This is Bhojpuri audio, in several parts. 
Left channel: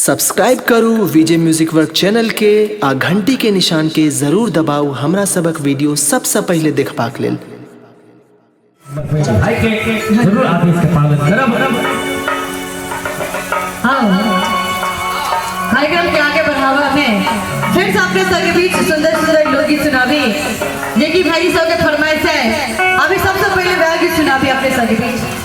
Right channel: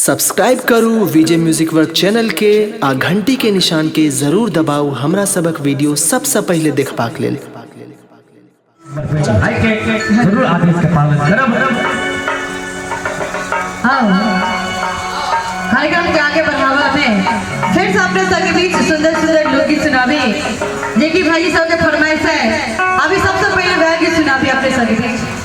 सब्सक्राइब करू विजय म्यूजिक वर्क चैनल के आ घंटी के निशान के जरूर दबाऊ हमरा सबक वीडियो सबसे पहले देखबाक लेल। भाई के जरूर आदेश के पालन करब। हाँ, कार्यक्रम के आगे बढ़ावा में फिर से अपने संगीत सुंदर सुंदर लोकगीत सुनाबी, जेकि भाई सब के फरमाइश है। अभी सबसे पहले वह गीत सुनाबी अपने संगीत।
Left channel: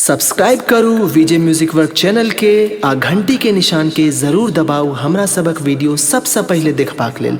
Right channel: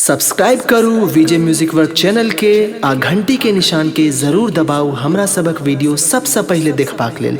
सब्सक्राइब करू विजय म्यूजिक वर्क चैनल के आ घंटी के निशान के जरूर दबाऊ हमरा सबक वीडियो सबसे पहले देखबाक लेल।